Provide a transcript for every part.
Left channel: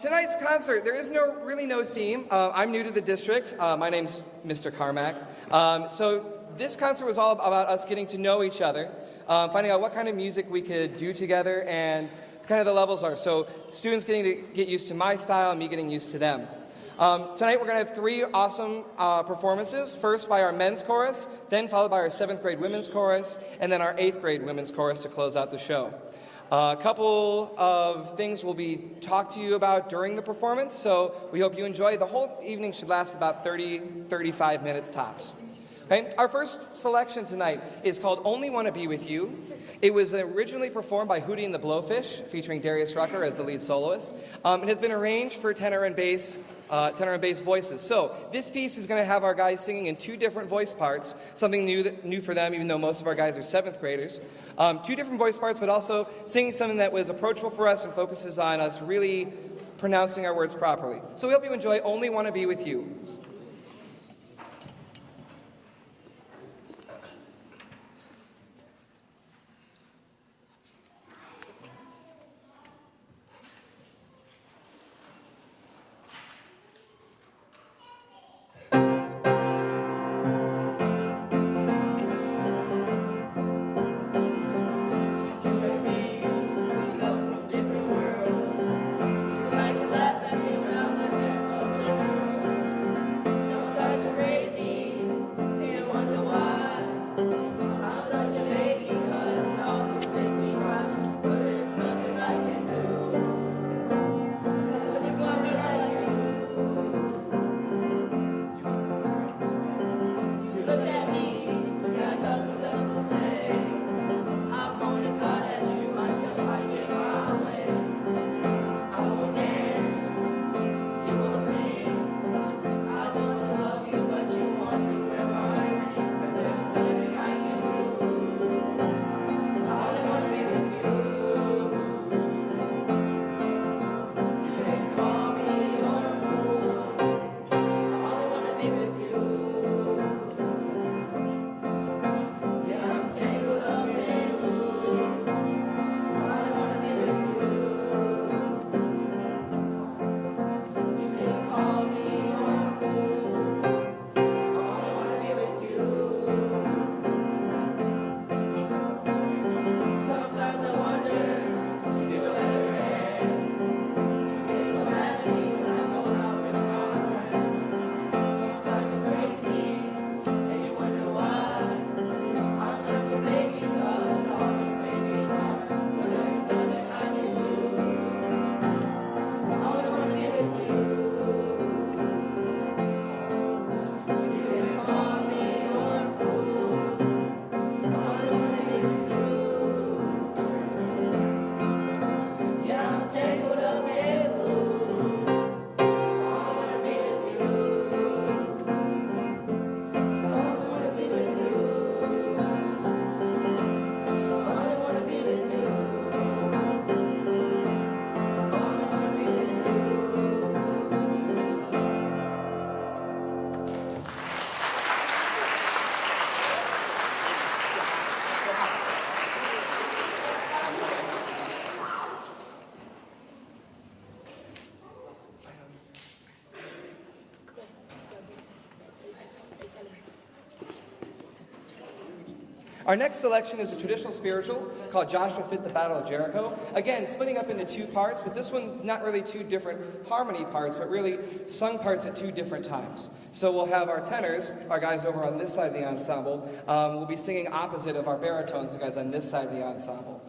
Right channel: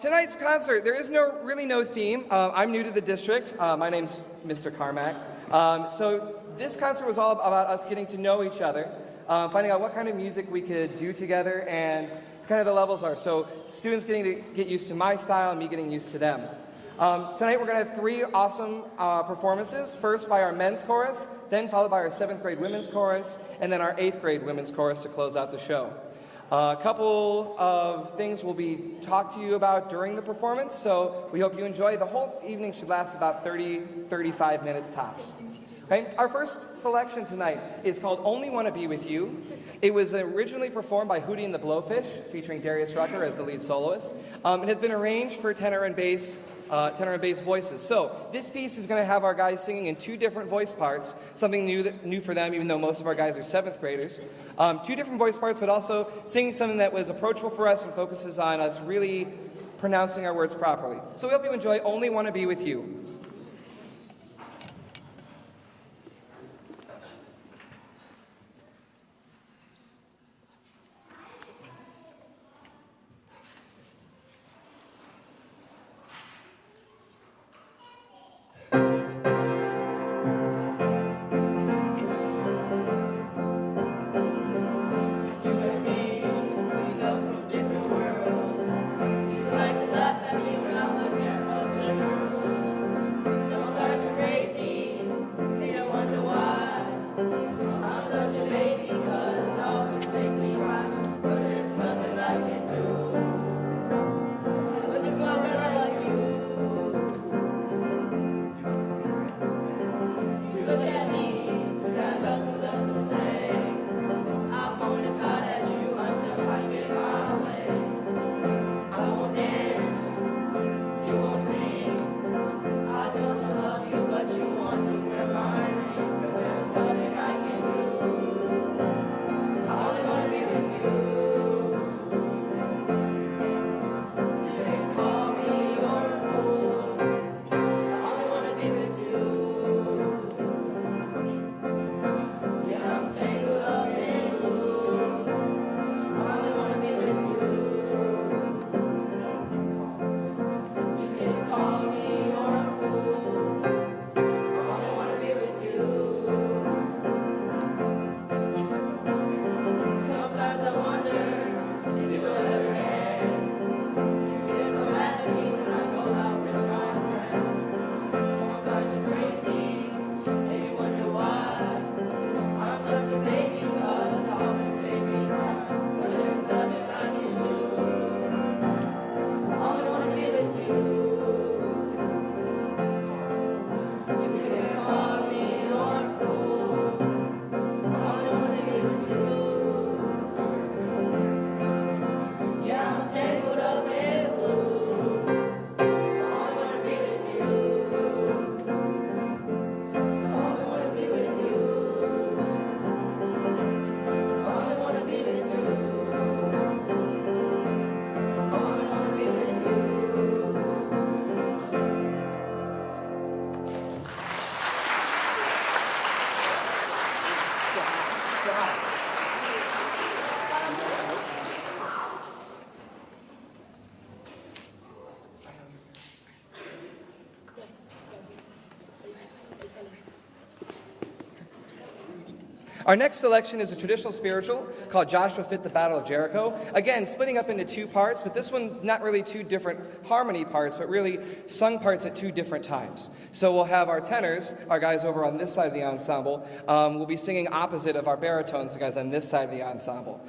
Tonight's concert, there is really no theme. I'm new to the district. My name's Mr. Carmack. So this concert was all about us getting to know each other, finding out what kind of music we could do together, and kind of the levels are. So students getting to get used to my style and me getting used to them. Tonight we're going to have three awesome performances. First by our men's chorus, then followed by our 7th grade women's chorus, and then our 8th grade women's chorus to close out the show. A couple of things will be talked to you about during the performance, so we hope you enjoy. The whole evening should last about 35 minutes tops. Okay? Our first selection tonight is called Only Wanna Be With You. It was originally performed by Hootie and the Blowfish, featuring Darius Rucker as the lead soloist. It has been arranged for tenor and bass voices. So this piece is going to have our guys singing in two different voice parts, something new for them, even though most of our guys are 7th graders. Two different voice parts, but also singing something that was approachable for us and focuses on us really pronouncing our words properly. So we hope you enjoy Only Wanna Be With You. Our next selection is a traditional spiritual called Joshua Fit the Battle of Jericho. Again, splitting up into two parts, but this one's not really two different harmony parts, but really sung parts at two different times. So we'll have our tenors, our guys over on this side of the ensemble, will be singing opposite of our baritones, the guys on this side of the ensemble.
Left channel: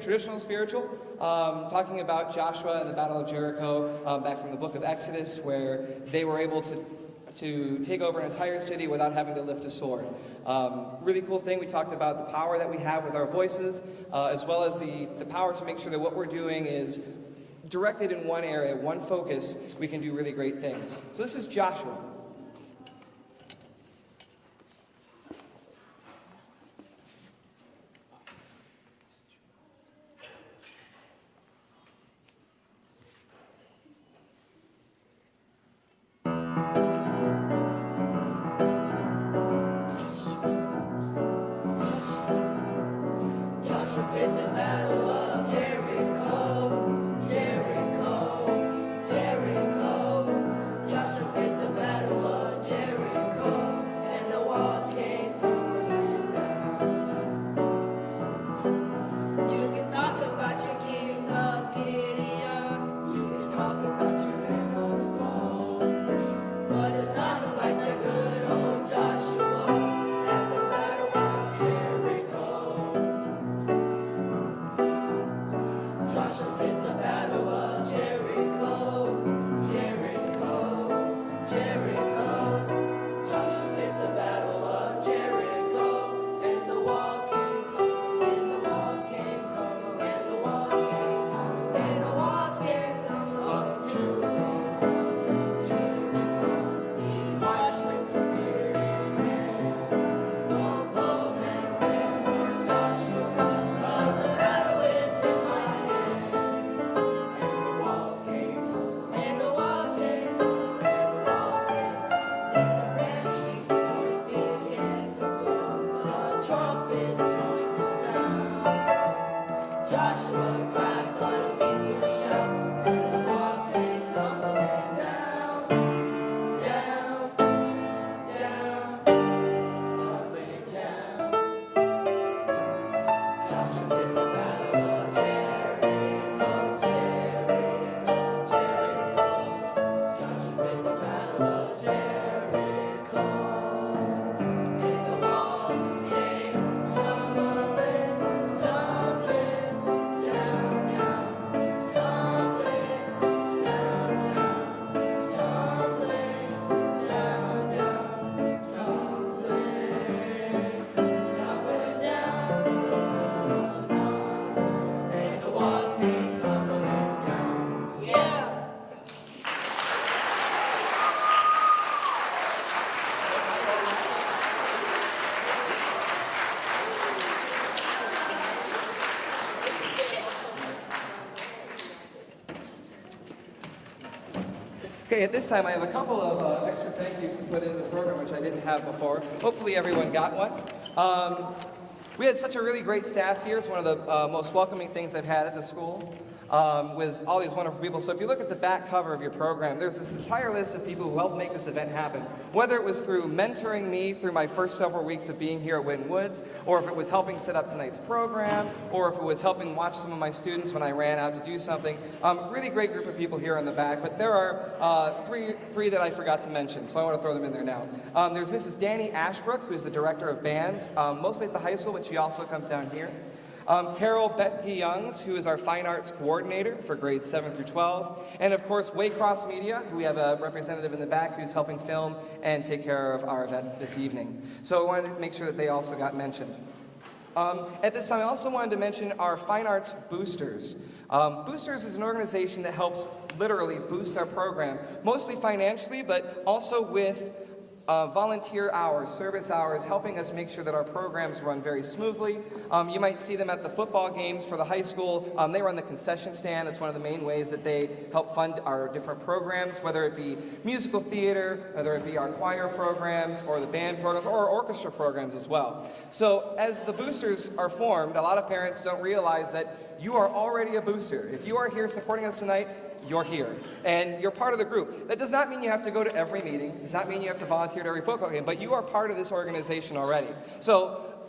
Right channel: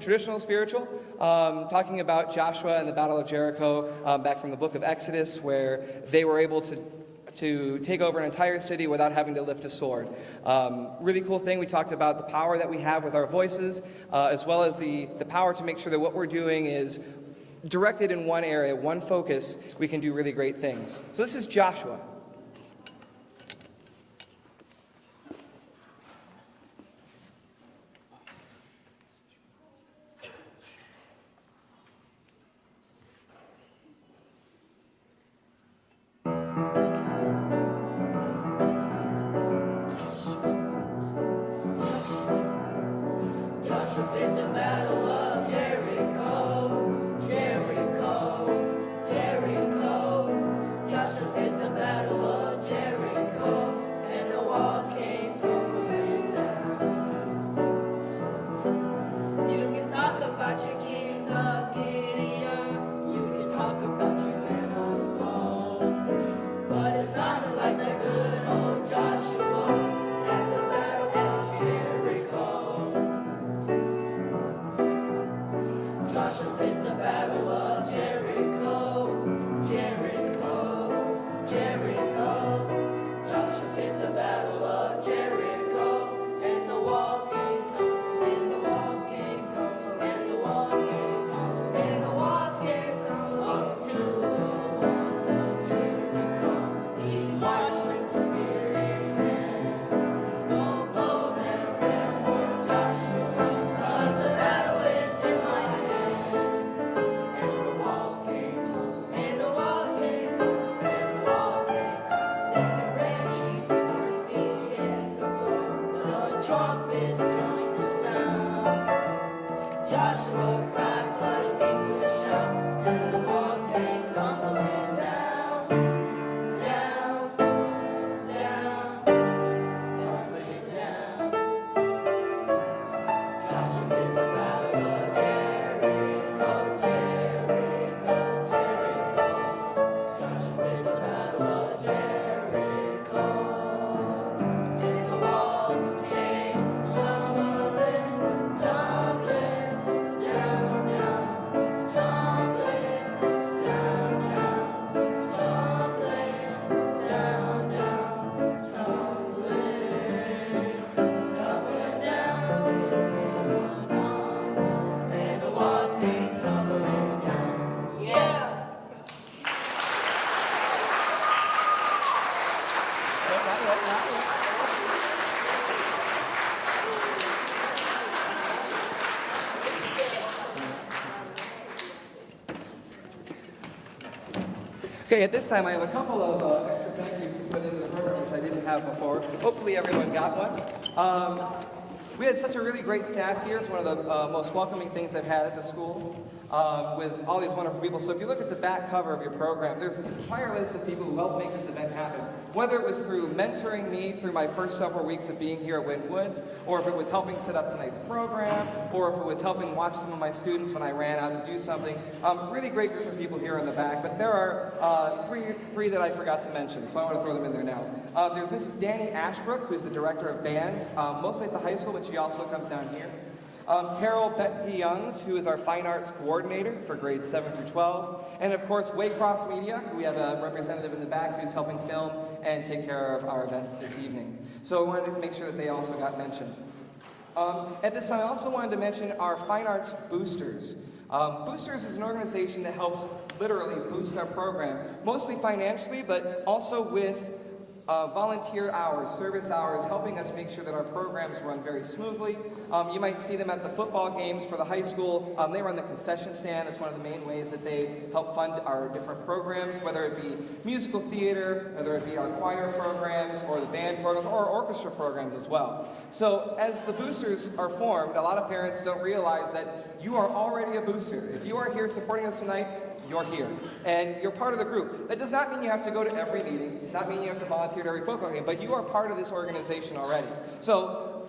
Traditional spiritual, talking about Joshua and the Battle of Jericho, back from the book of Exodus, where they were able to take over an entire city without having to lift a sword. Really cool thing, we talked about the power that we have with our voices, as well as the power to make sure that what we're doing is directed in one area, one focus. We can do really great things. So this is Joshua. Joshua fit the battle of Jericho, Jericho. Okay, at this time I have a couple of extra thank yous to put into the program, which I didn't have before. Hopefully everyone got one. We had such a really great staff here. It's one of the most welcoming things I've had at the school. Was all these wonderful people. So if you look at the back cover of your program, there's this entire list of people who helped make this event happen. Whether it was through mentoring me through my first several weeks of being here at Winton Woods, or if it was helping set up tonight's program, or if it was helping watch some of my students when I ran out to do something. Really great group of people here in the back, but there are three that I forgot to mention, so I want to throw them in there now. There's Mrs. Danny Ashbrook, who's the director of bands, mostly at the high school, but she also comes down here. Carol Becky Youngs, who is our fine arts coordinator for grades 7 through 12. And of course, Waycross Media, who we have a representative in the back who's helping film and take care of our event this evening. So we wanted to make sure that they also got mentioned. At this time, I also wanted to mention our Fine Arts Boosters. Boosters is an organization that helps literally boost our program, mostly financially, but also with volunteer hours, service hours, helping us make sure that our programs run very smoothly. You might see them at the football games for the high school. They run the concession stand. It's one of the main ways that they help fund our different programs, whether it be musical theater, whether it be our choir programs, or the band programs, or orchestra programs as well. So as the boosters are formed, a lot of parents don't realize that you are already a booster. If you are here supporting us tonight, you're here, and you're part of the group. That does not mean you have to go to every meeting. It does not mean you have to volunteer to every football game, but you are part of this organization already. So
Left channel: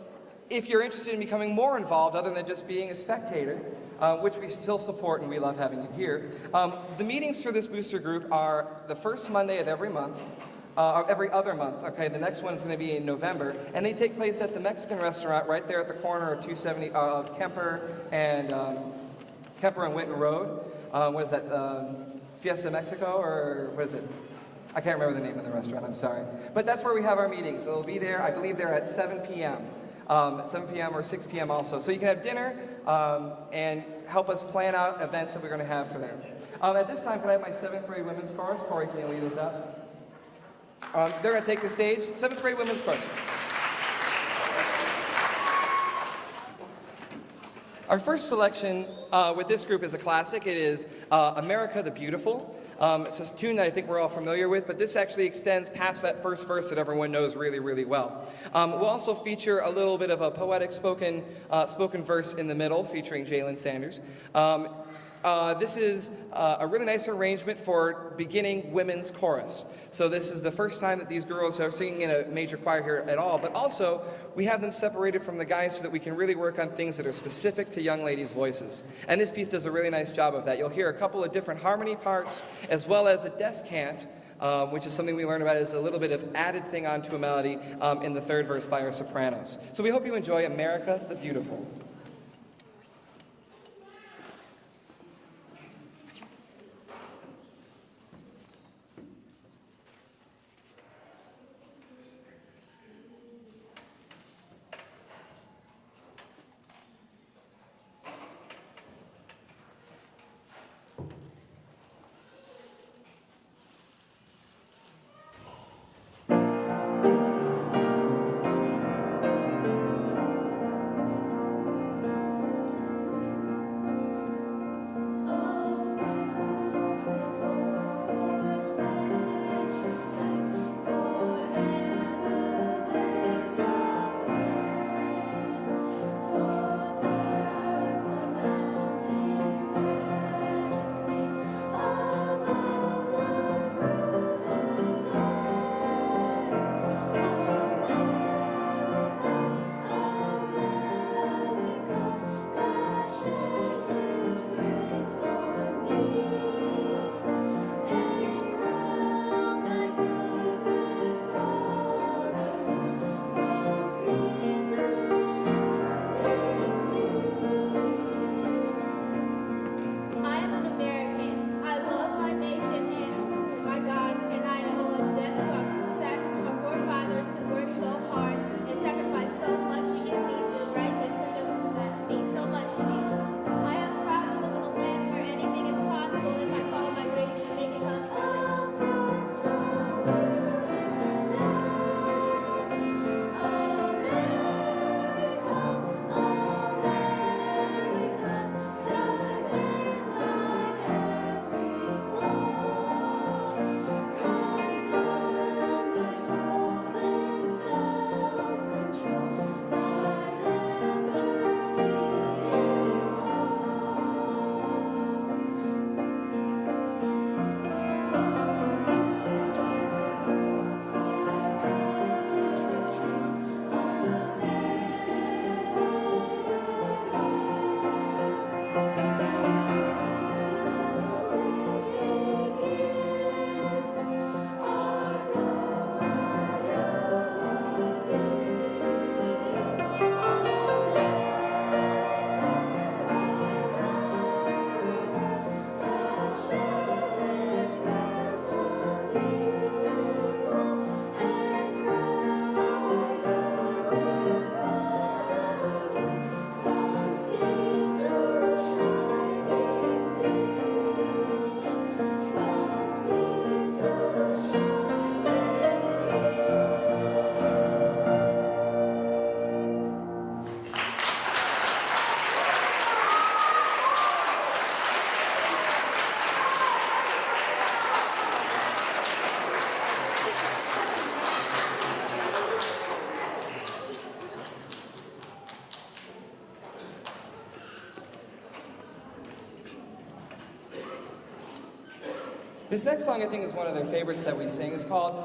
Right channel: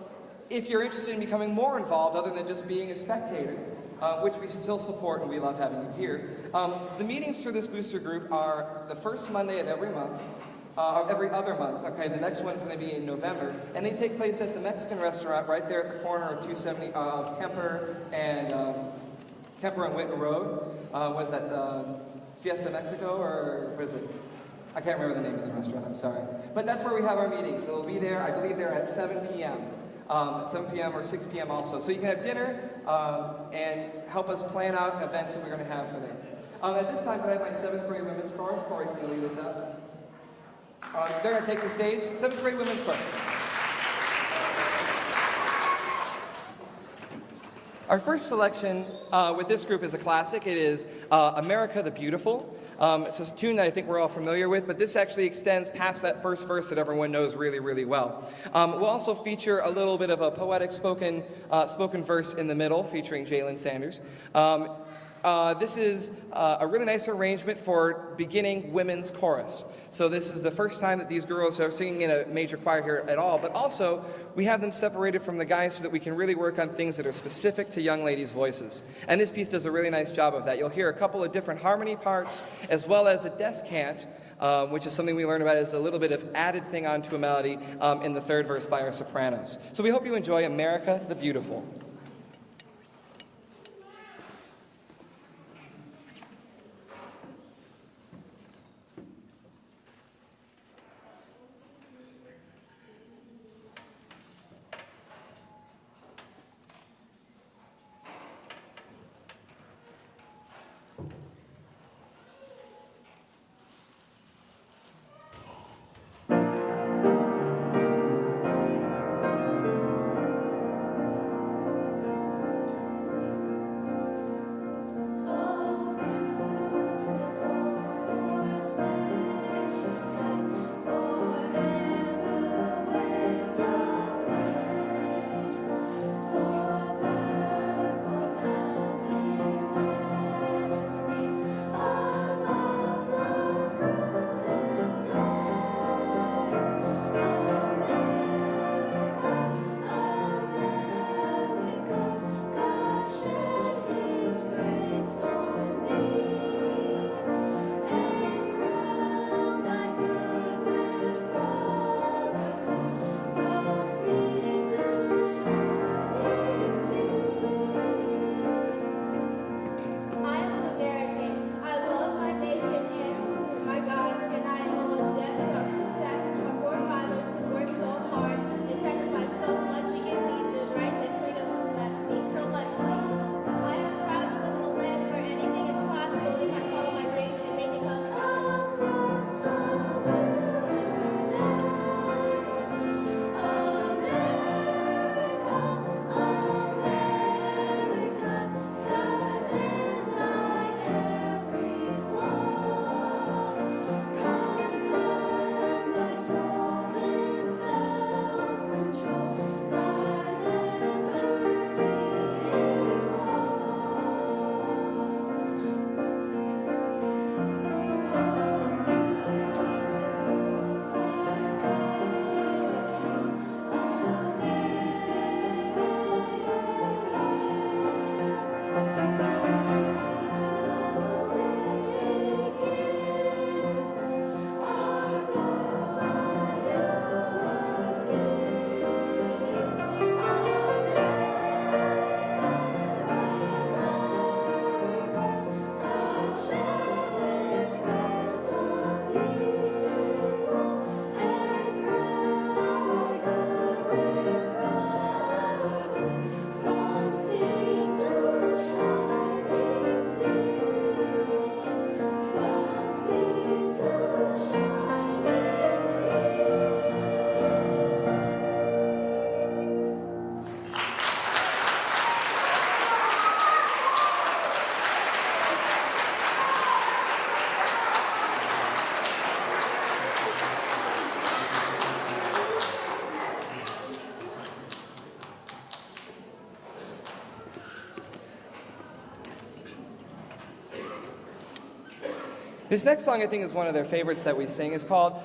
if you're interested in becoming more involved, other than just being a spectator, which we still support and we love having you here, the meetings for this booster group are the first Monday of every month, every other month. Okay, the next one's going to be in November, and they take place at the Mexican restaurant right there at the corner of 270 of Kemper and Winton Road. What is that, Fiesta Mexico, or what is it? I can't remember the name of the restaurant, I'm sorry. But that's where we have our meetings. They'll be there, I believe they're at 7 p.m. 7 p.m. or 6 p.m. also. So you can have dinner and help us plan out events that we're going to have for there. At this time, can I have my 7th grade women's chorus? Corey, can you lead us up? They're going to take the stage. 7th grade women's chorus. Our first selection with this group is a classic. It is America the Beautiful. It's a tune that I think we're all familiar with, but this actually extends past that first verse that everyone knows really, really well. We'll also feature a little bit of a poetic spoken verse in the middle, featuring Jalen Sanders. This is a really nice arrangement for beginning women's chorus. So this is the first time that these girls are singing in a major choir here at all, but also we have them separated from the guys so that we can really work on things that are specific to young ladies' voices. And this piece does a really nice job of that. You'll hear a couple of different harmony parts, as well as a descant, which is something we learn about as a little bit of added thing onto a melody in the third verse by our sopranos. So we hope you enjoy America the Beautiful. This next song, I think, is one of their favorites that we sing. It's called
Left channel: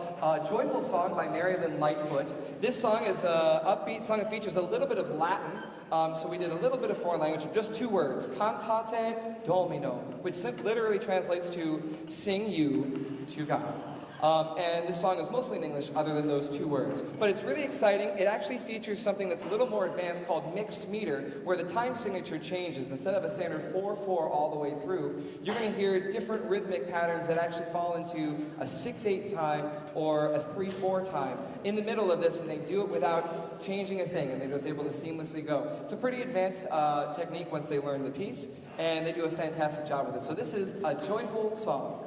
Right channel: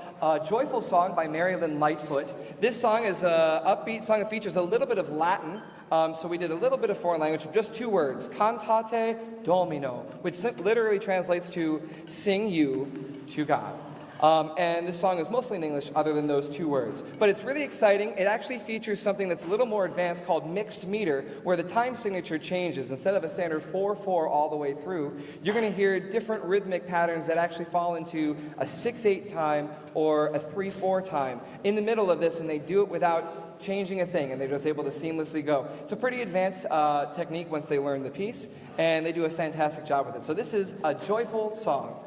Joyful Song by Marilyn Lightfoot. This song is an upbeat song. It features a little bit of Latin, so we did a little bit of foreign language of just two words, cantate Domino, which literally translates to sing you to God. And this song is mostly in English other than those two words. But it's really exciting. It actually features something that's a little more advanced called mixed meter, where the time signature changes. Instead of a standard 4/4 all the way through, you're going to hear different rhythmic patterns that actually fall into a 6/8 time or a 3/4 time in the middle of this, and they do it without changing a thing, and they're just able to seamlessly go. It's a pretty advanced technique once they learn the piece, and they do a fantastic job with it. So this is a joyful song.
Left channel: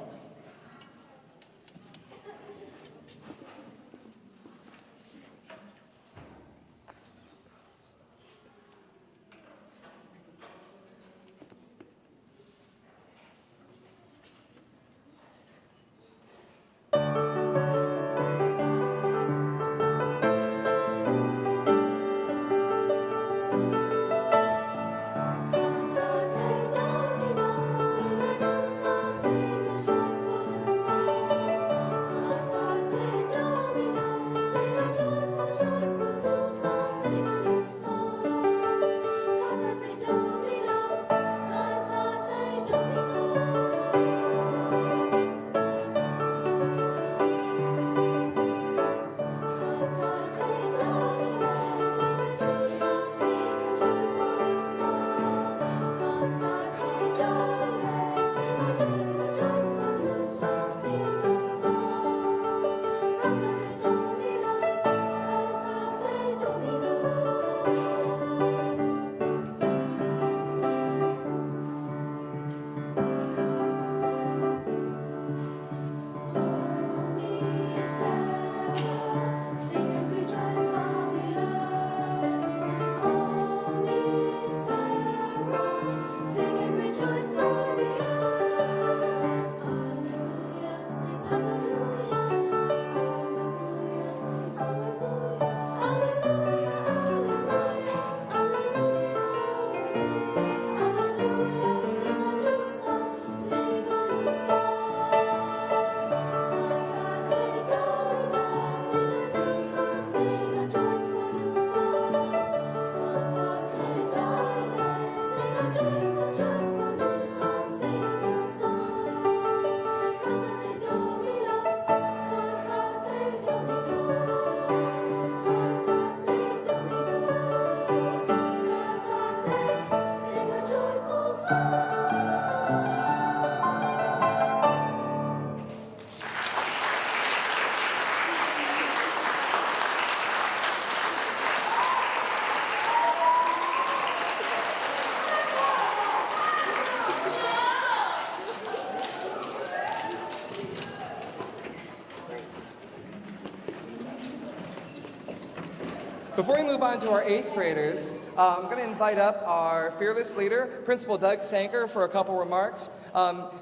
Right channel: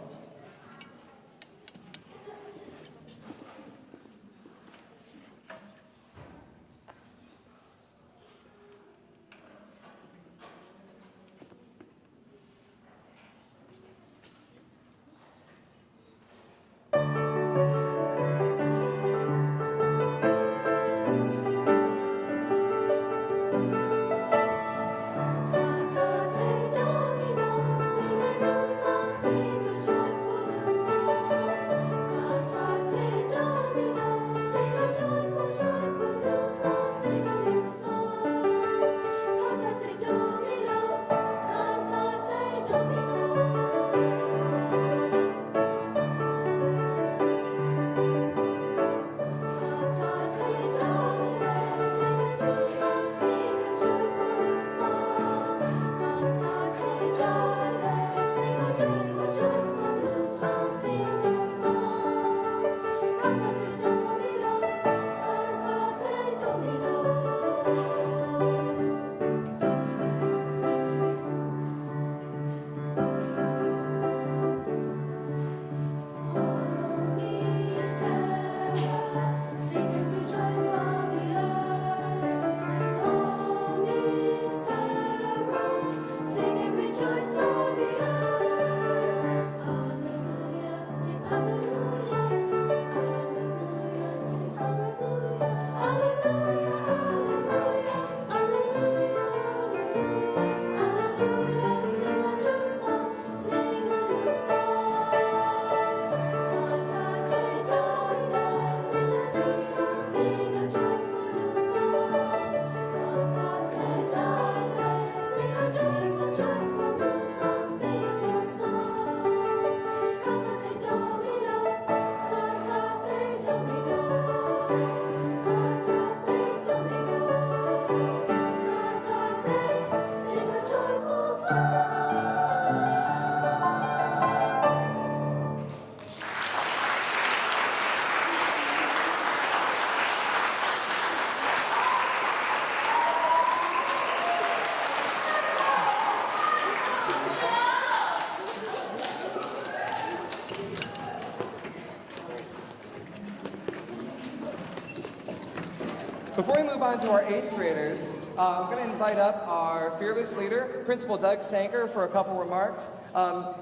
Before we move on to our 8th graders, I'm going to invite up our fearless leader, Principal Doug Sanker, for a couple remarks.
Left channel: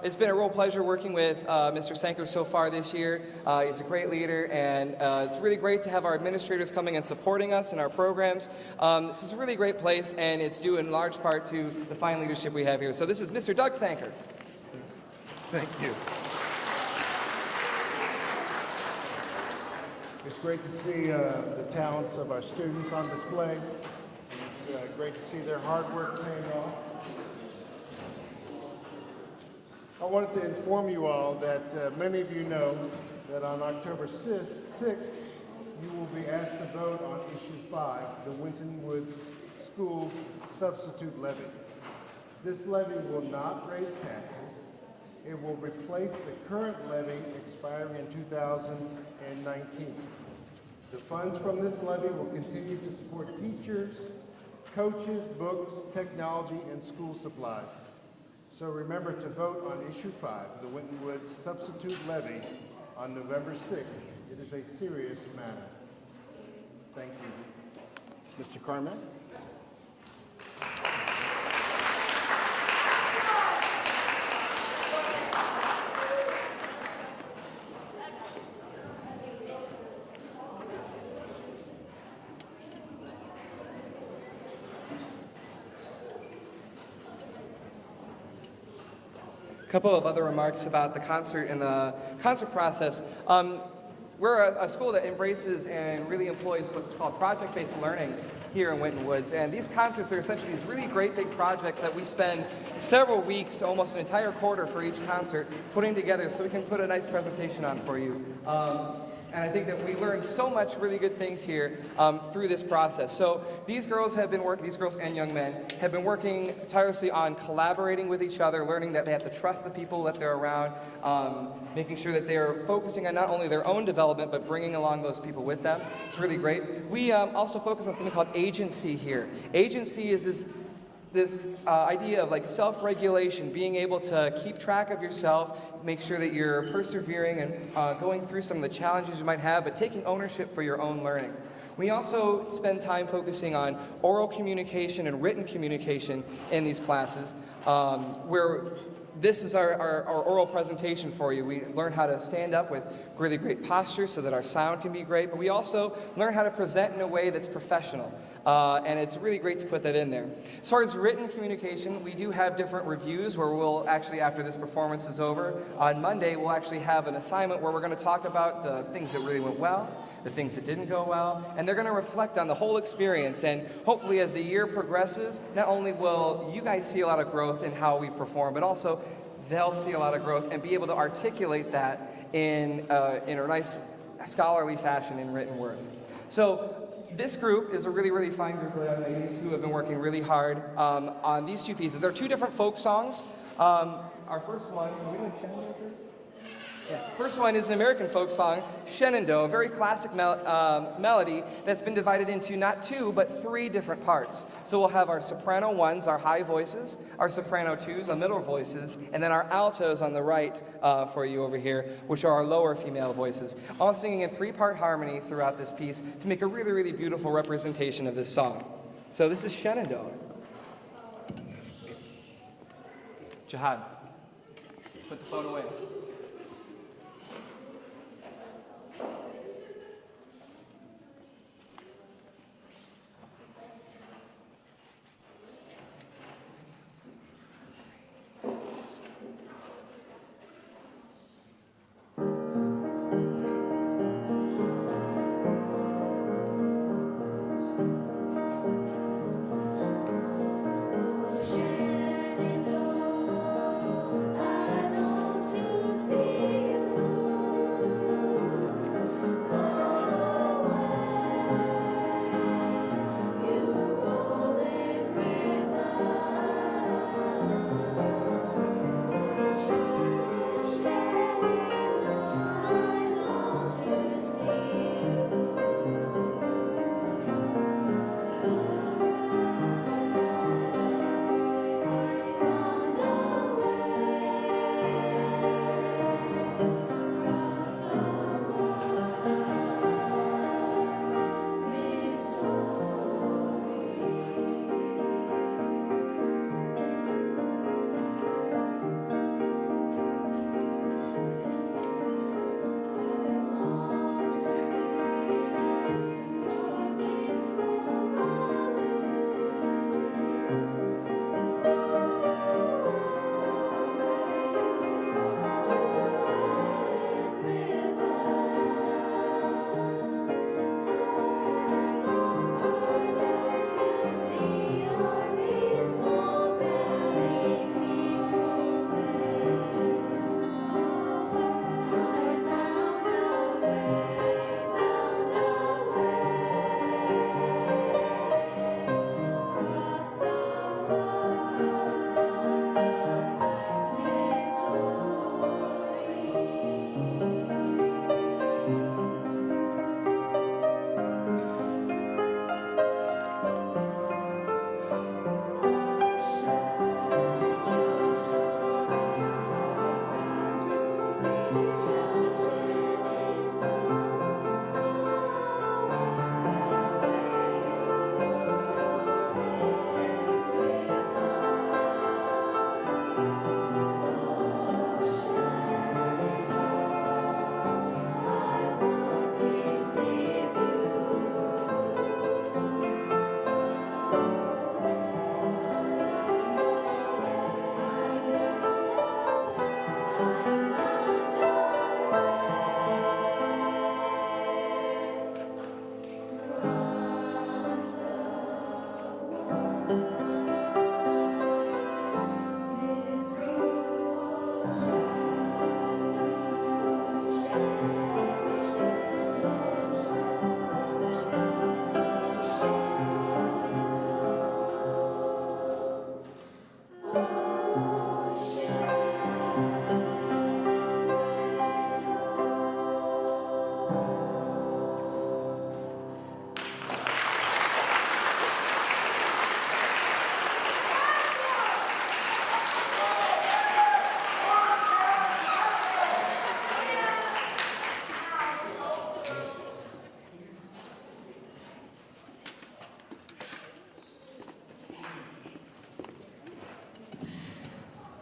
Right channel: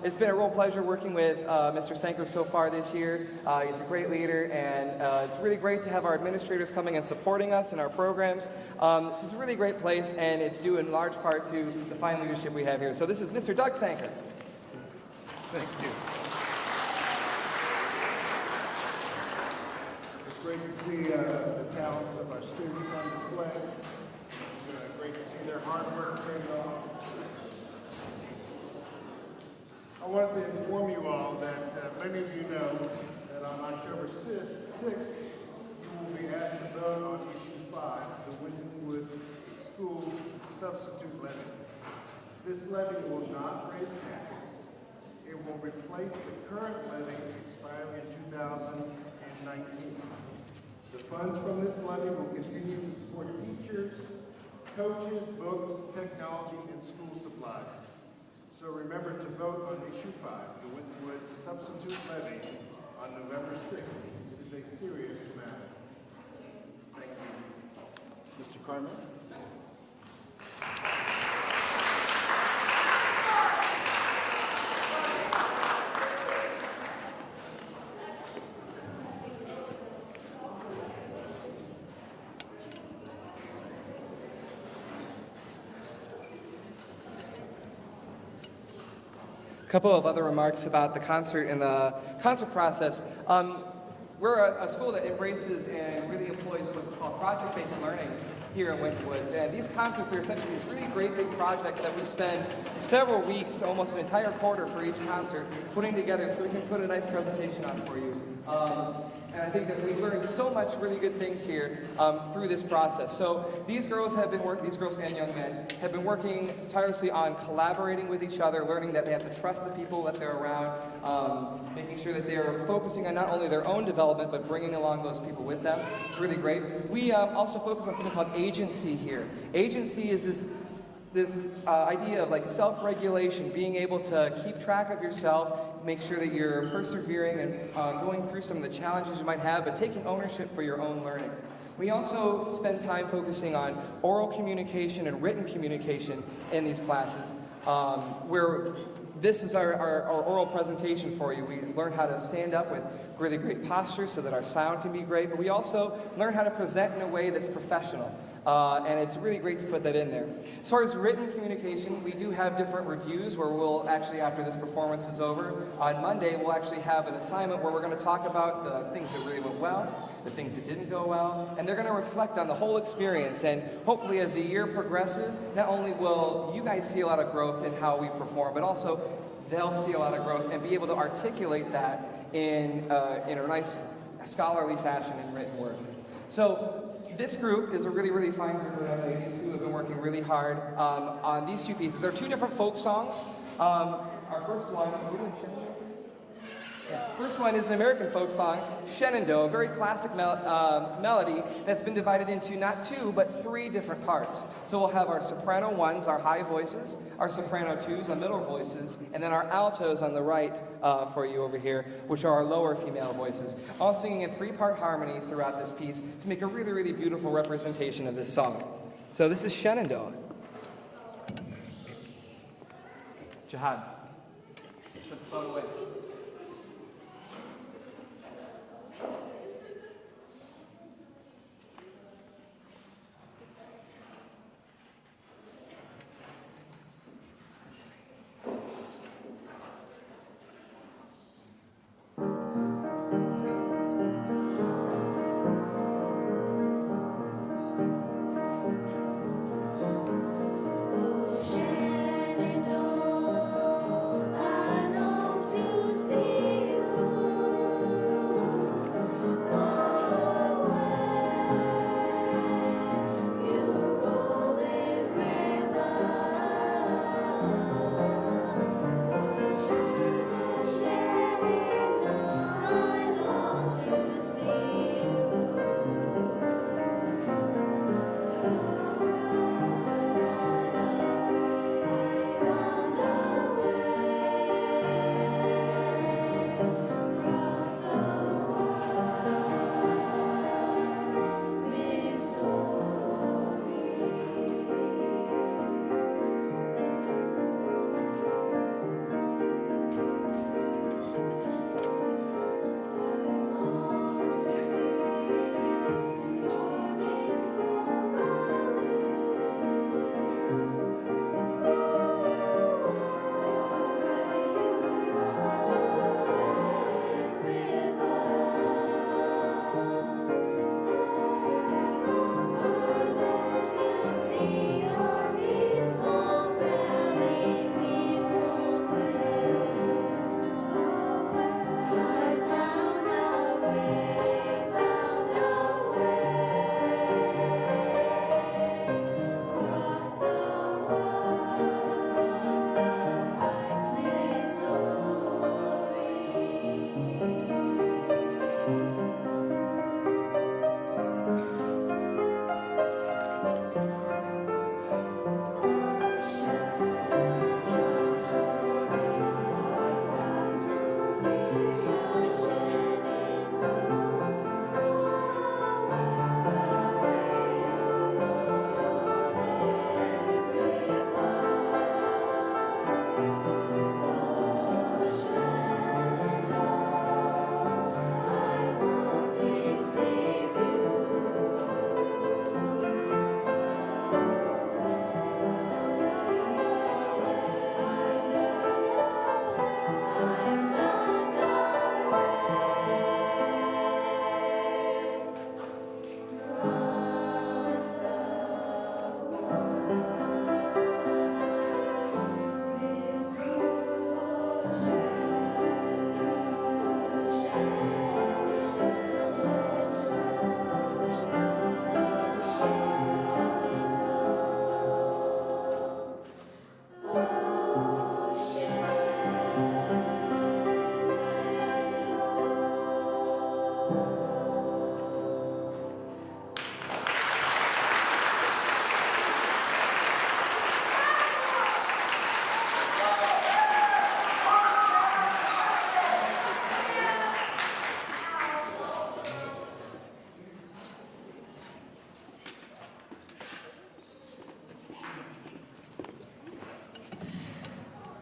It's been a real pleasure working with Mr. Sanker so far this year. He's a great leader, and it's really great to have our administrators coming and supporting us in our programs. This is a really great place, and it's due in large part to the fine leadership we have here. So this is Mr. Doug Sanker. Thank you. It's great to see the talents of our students on display. It's great to see their hard work paying off. I wanted to inform you all that many of you know that on October 6th, you will be asked to vote on Issue 5, the Winton Woods Schools Substitute Levy. This levy will not raise taxes. It will replace the current levy expiring in 2019. The funds from this levy will continue to support teachers, coaches, books, technology, and school supplies. So remember to vote on Issue 5, the Winton Woods Substitute Levy, on November 6th. It is a serious matter. Thank you. Mr. Carmack? couple of other remarks about the concert and the concert process. We're a school that embraces and really employs what's called project-based learning here in Winton Woods. And these concerts are essentially these really great big projects that we spend several weeks, almost an entire quarter for each concert, putting together so we can put a nice presentation on for you. And I think that we learned so much really good things here through this process. So these girls and young men have been working tirelessly on collaborating with each other, learning that they have to trust the people that they're around, making sure that they're focusing on not only their own development, but bringing along those people with them. It's really great. We also focus on something called agency here. Agency is this idea of like self-regulation, being able to keep track of yourself, make sure that you're persevering and going through some of the challenges you might have, but taking ownership for your own learning. We also spend time focusing on oral communication and written communication in these classes, where this is our oral presentation for you. We learn how to stand up with really great posture so that our sound can be great, but we also learn how to present in a way that's professional. And it's really great to put that in there. As far as written communication, we do have different reviews where we'll actually, after this performance is over, on Monday we'll actually have an assignment where we're going to talk about the things that really went well, the things that didn't go well, and they're going to reflect on the whole experience. And hopefully as the year progresses, not only will you guys see a lot of growth in how we perform, but also they'll see a lot of growth and be able to articulate that in a nice scholarly fashion in written word. So this group is a really, really fine group of young ladies who have been working really hard on these two pieces. There are two different folk songs. Our first one, first one is an American folk song, Shenandoah, a very classic melody that's been divided into not two, but three different parts. So we'll have our soprano ones, our high voices, our soprano twos, our middle voices, and then our altos on the right for you over here, which are our lower female voices, all singing in three-part harmony throughout this piece to make a really, really beautiful representation of this song. So this is Shenandoah. Jihad, put the phone away.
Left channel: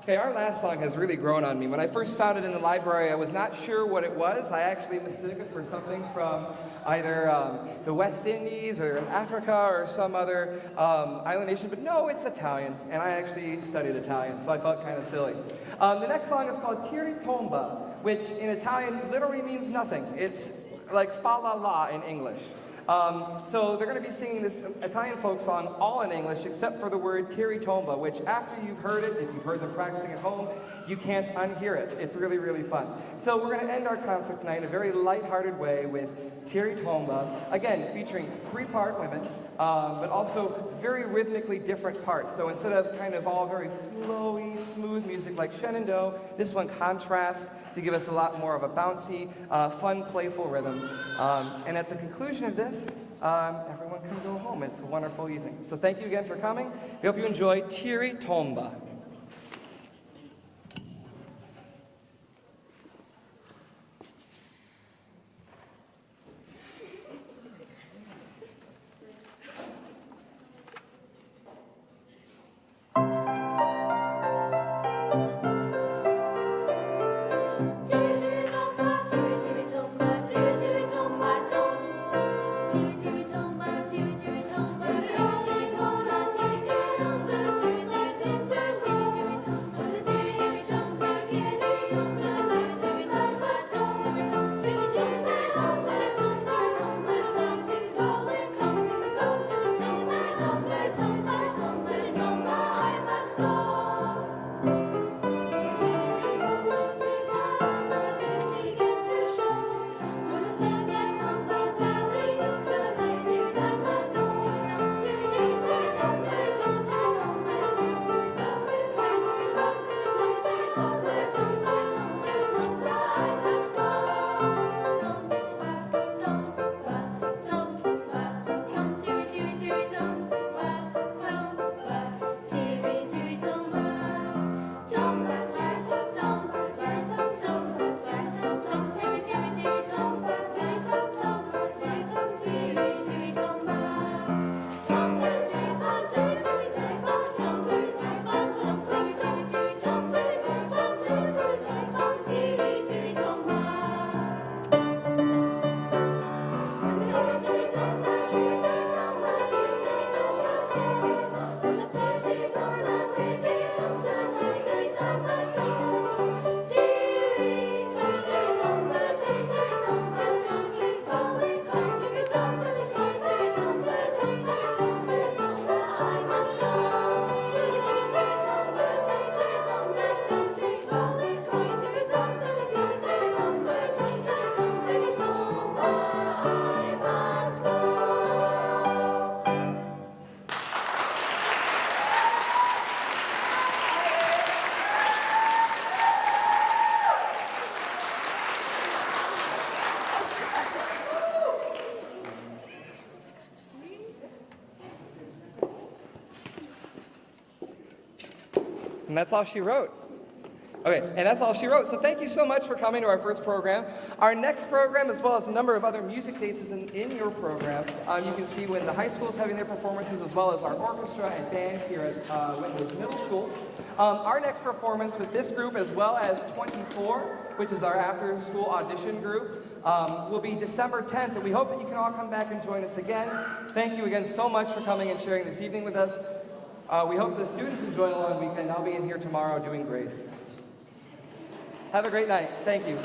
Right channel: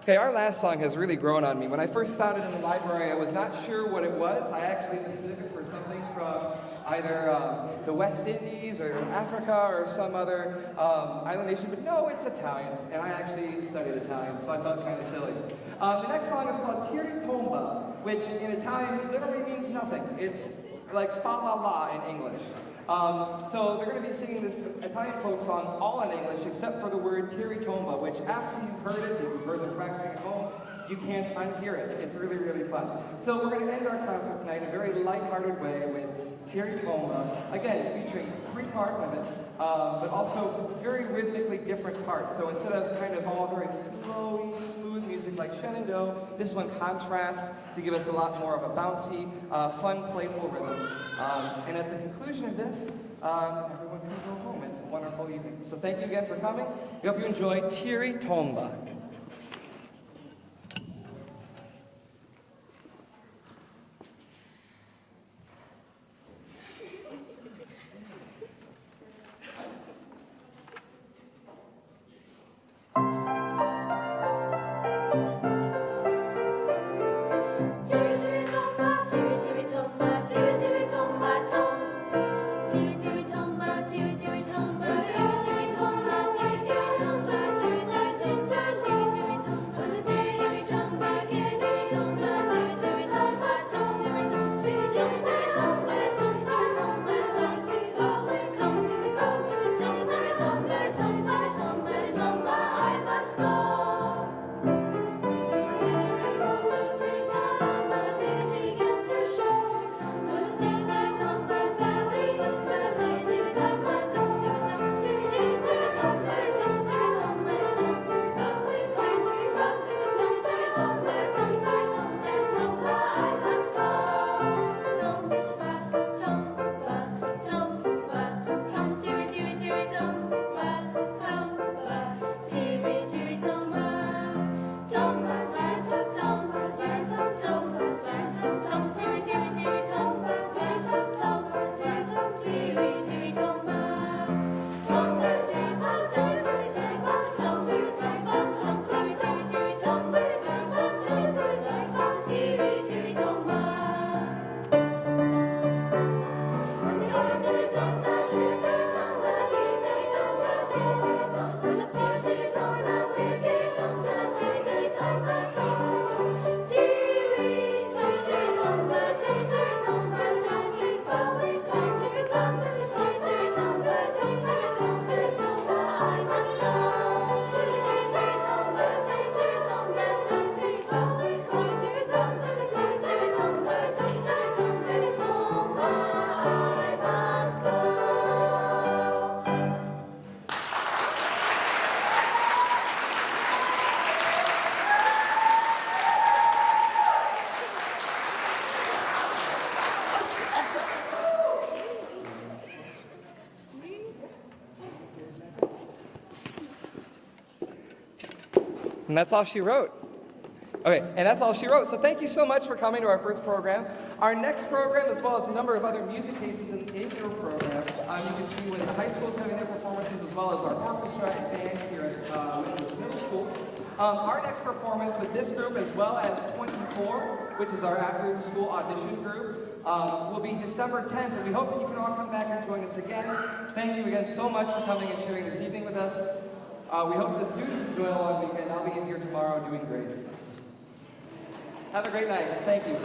Okay, our last song has really grown on me. When I first found it in the library, I was not sure what it was. I actually mistook it for something from either the West Indies or Africa or some other island nation, but no, it's Italian, and I actually studied Italian, so I felt kind of silly. The next song is called Toma, which in Italian literally means nothing. It's like fa la la in English. So they're going to be singing this Italian folk song all in English except for the word Toma, which after you've heard it, if you've heard them practicing at home, you can't unhear it. It's really, really fun. So we're going to end our concert tonight in a very lighthearted way with Toma, again, featuring three-part women, but also very rhythmically different parts. So instead of kind of all very flowy, smooth music like Shenandoah, this one contrasts to give us a lot more of a bouncy, fun, playful rhythm. And at the conclusion of this, everyone can go home. It's a wonderful evening. So thank you again for coming. We hope you enjoy Tomba. And that's all she wrote. Okay, and that's all she wrote. So thank you so much for coming to our first program. Our next program, as well as a number of other music cases in your program, you can see when the high school is having their performances, as well as our orchestra and band here at Winton Middle School. Our next performance with this group, as well as 24, which is our after-school audition group, will be December 10th, and we hope that you can all come back and join us again. Thank you again so much for coming and sharing this evening with us. We hope the students enjoy a long weekend. I'll be in here tomorrow doing grades. Have a great night. Thank you.